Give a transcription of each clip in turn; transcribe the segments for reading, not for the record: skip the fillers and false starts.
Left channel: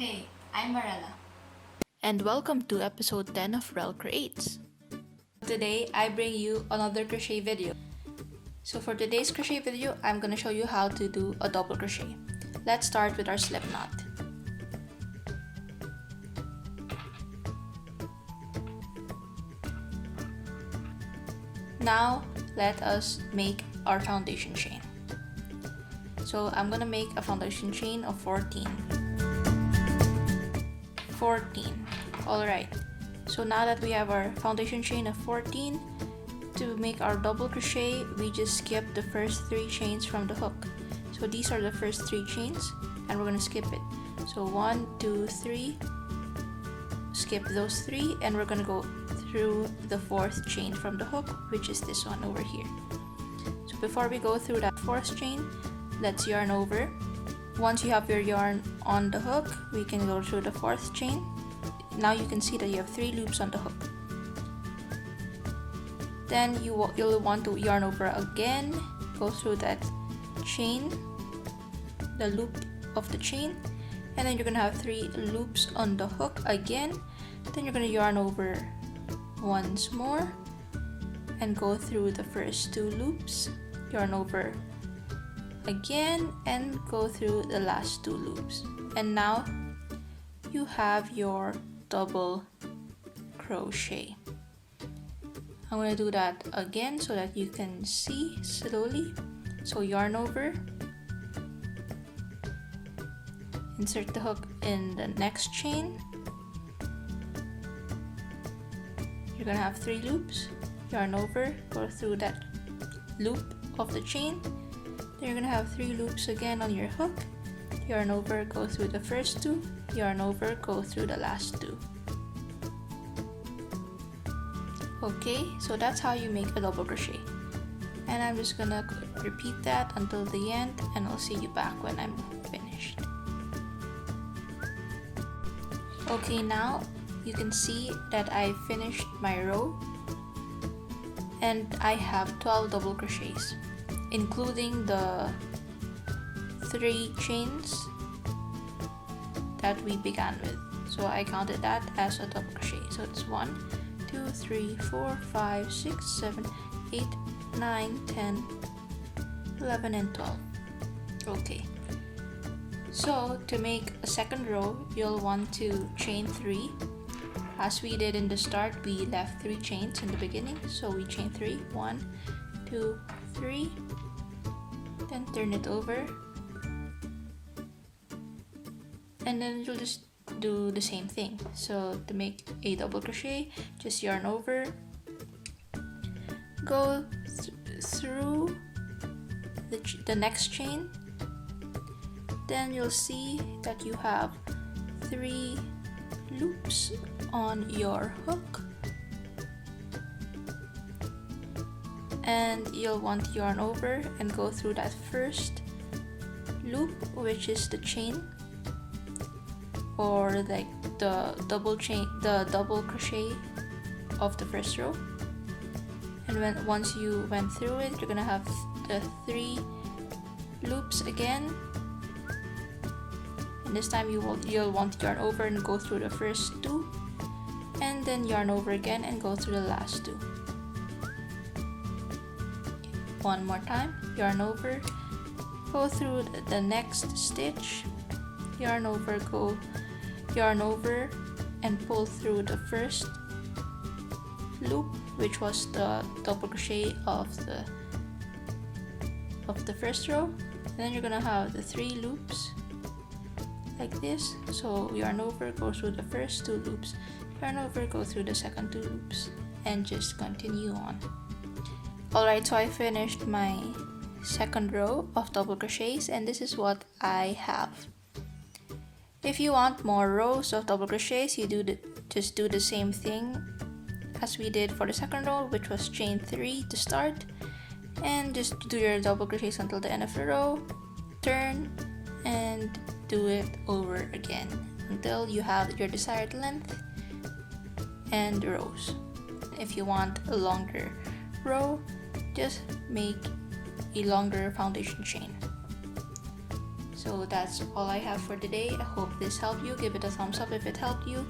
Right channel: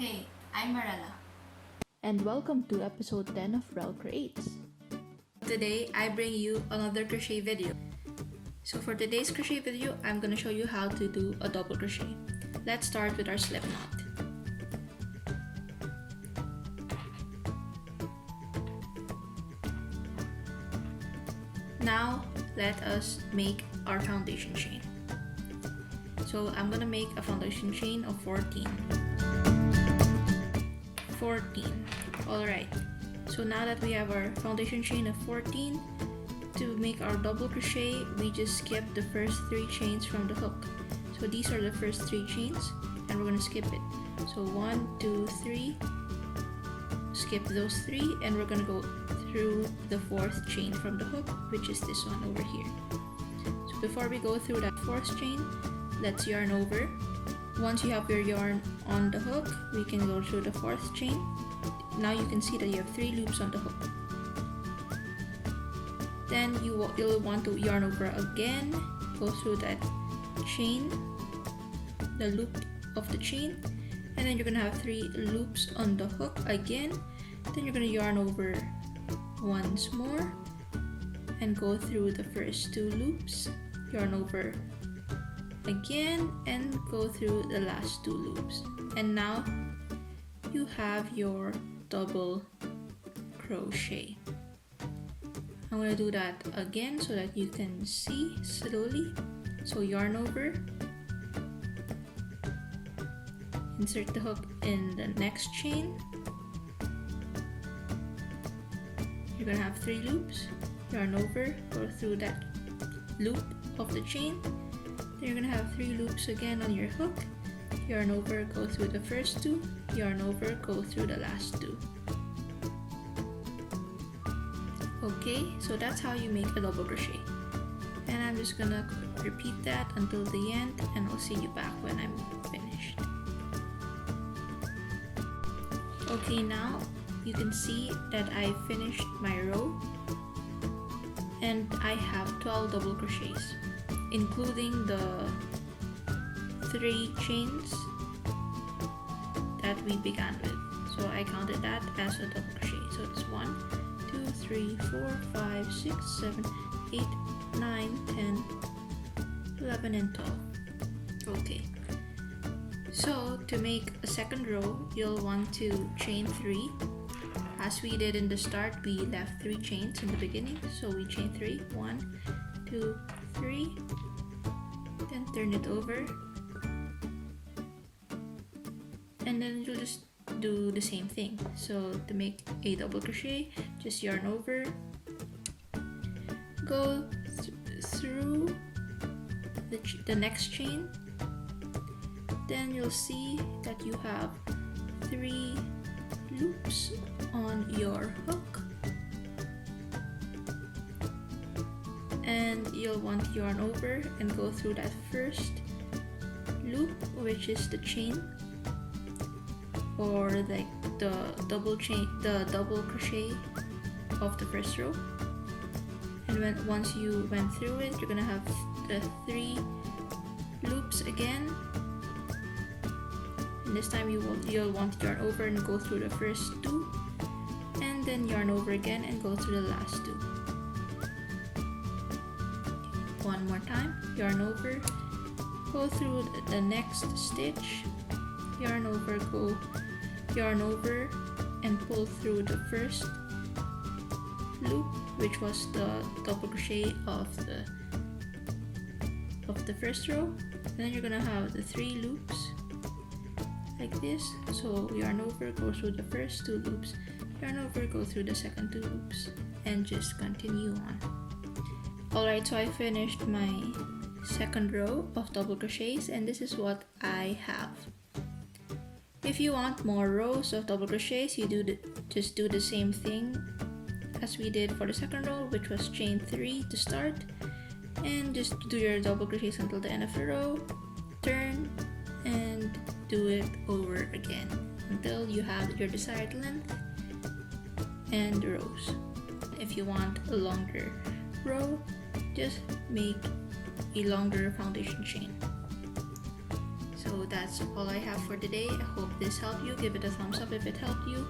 Hey, I'm Marella. And welcome to episode 10 of Rel Creates. Today, I bring you another crochet video. So for today's crochet video, I'm gonna show you how to do a double crochet. Let's start with our slip knot. Now, let us make our foundation chain. So I'm gonna make a foundation chain of 14. Alright, so now that we have our foundation chain of 14, to make our double crochet, we just skip the first 3 chains from the hook. So these are the first 3 chains, and we're gonna skip it. So 1, 2, 3, skip those 3, and we're gonna go through the 4th chain from the hook, which is this one over here. So before we go through that 4th chain, let's yarn over. Once you have your yarn on the hook, we can go through the 4th chain. Now you can see that you have 3 loops on the hook. Then you'll want to yarn over again, go through that chain, the loop of the chain, and then you're gonna have 3 loops on the hook again. Then you're gonna yarn over once more and go through the first 2 loops, yarn over again and go through the last 2 loops. And now you have your double crochet. I'm going to do that again so that you can see slowly. So yarn over, insert the hook in the next chain. You're going to have 3 loops, yarn over, go through that loop of the chain. Then you're going to have 3 loops again on your hook, yarn over, go through the first 2, yarn over, go through the last 2. Okay, so that's how you make a double crochet. And I'm just gonna repeat that until the end, and I'll see you back when I'm finished. Okay, now you can see that I finished my row, and I have 12 double crochets, including the 3 chains that we began with. So I counted that as a double crochet. So it's 1, 2, 3, 4, 5, 6, 7, 8, 9, 10, 11, and 12. Okay. So to make a second row, you'll want to chain 3. As we did in the start, we left 3 chains in the beginning. So we chain 3. 1, 2, 3. Then turn it over. And then you'll just do the same thing. So to make a double crochet, just yarn over, go through the next chain. Then you'll see that you have 3 loops on your hook, and you'll want to yarn over and go through that first loop, which is the chain, or like the double crochet of the first row. And once you went through it, you're gonna have the 3 loops again, and this time you'll want to yarn over and go through the first 2, and then yarn over again and go through the last 2. One more time, yarn over, go through the next stitch, yarn over, go yarn over and pull through the first loop, which was the double crochet of the first row. And then you're gonna have the 3 loops like this. So yarn over, go through the first 2 loops, yarn over, go through the second 2 loops, and just continue on. Alright, so I finished my second row of double crochets, and this is what I have. If you want more rows of double crochets, you just do the same thing as we did for the second row, which was chain 3 to start, and just do your double crochets until the end of the row, turn, and do it over again until you have your desired length and rows. If you want a longer row, just make a longer foundation chain. So So that's all I have for today. I hope this helped you. Give it a thumbs up if it helped you.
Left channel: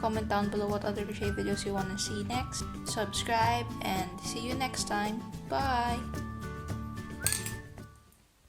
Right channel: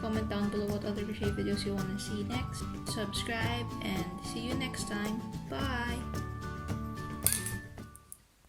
Comment down below what other crochet videos you want to see next. Subscribe and see you next time. Bye!